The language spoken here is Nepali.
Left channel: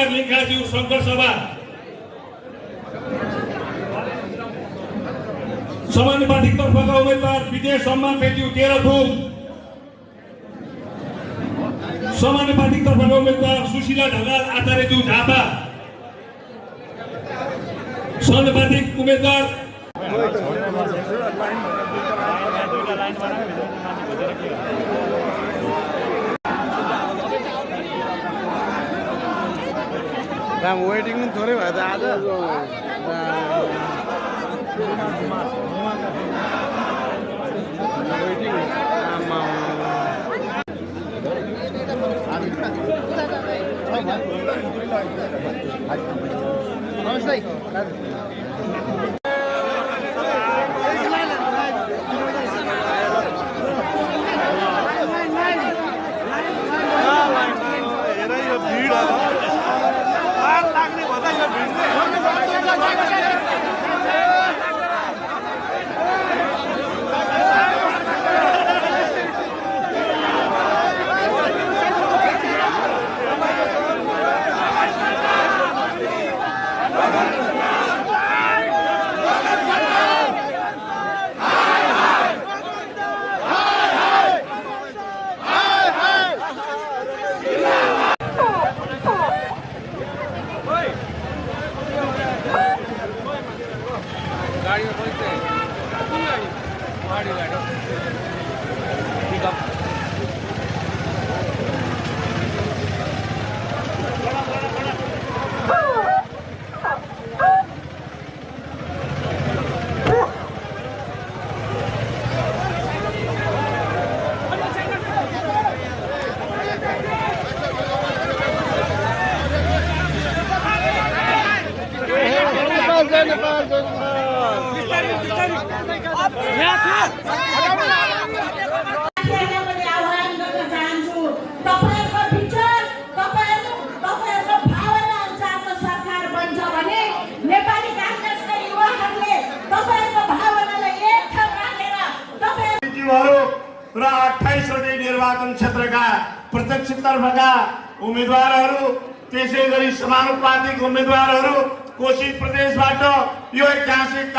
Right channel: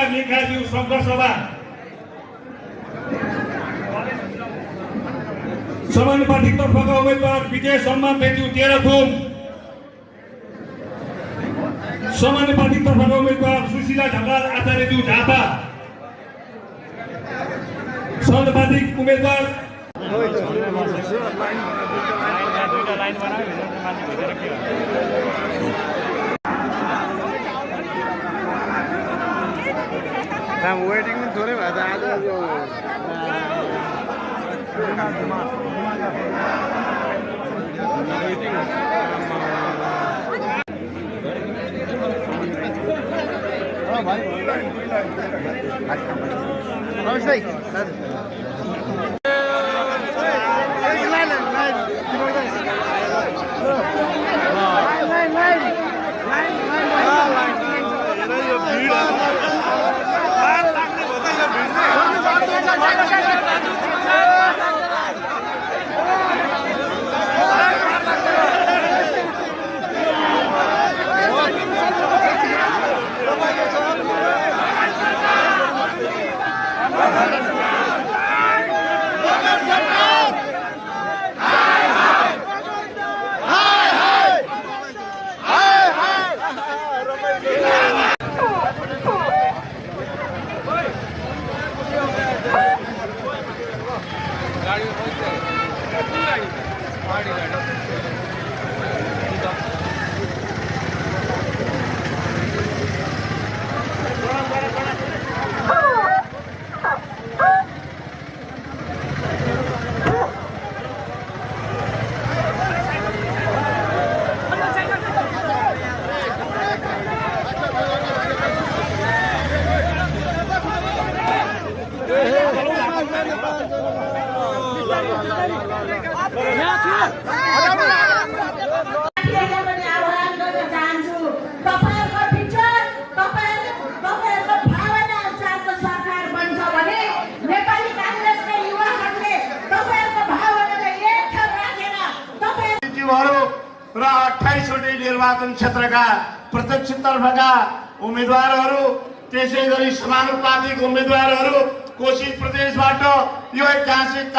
उम्मेदवार लेखाज्यू शंकर सभा, सामान्य पार्टी तर्फका उम्मेदवार विजय सम्मानज्यू तेह्रथुम, सामान्य पार्टी तर्फका उम्मेदवार सुशीला ढकाल आचार्यज्यू झापा, समानुपातिक उम्मेदवार वेटिङ थोरै भयो र 28वटै निर्वाचन क्षेत्रका प्रत्यक्षतर्फका उम्मेदवारहरू, त्यसै गरी समानुपातिक उम्मेदवारहरू कोशी प्रदेशबाट यो ऐतिहासिक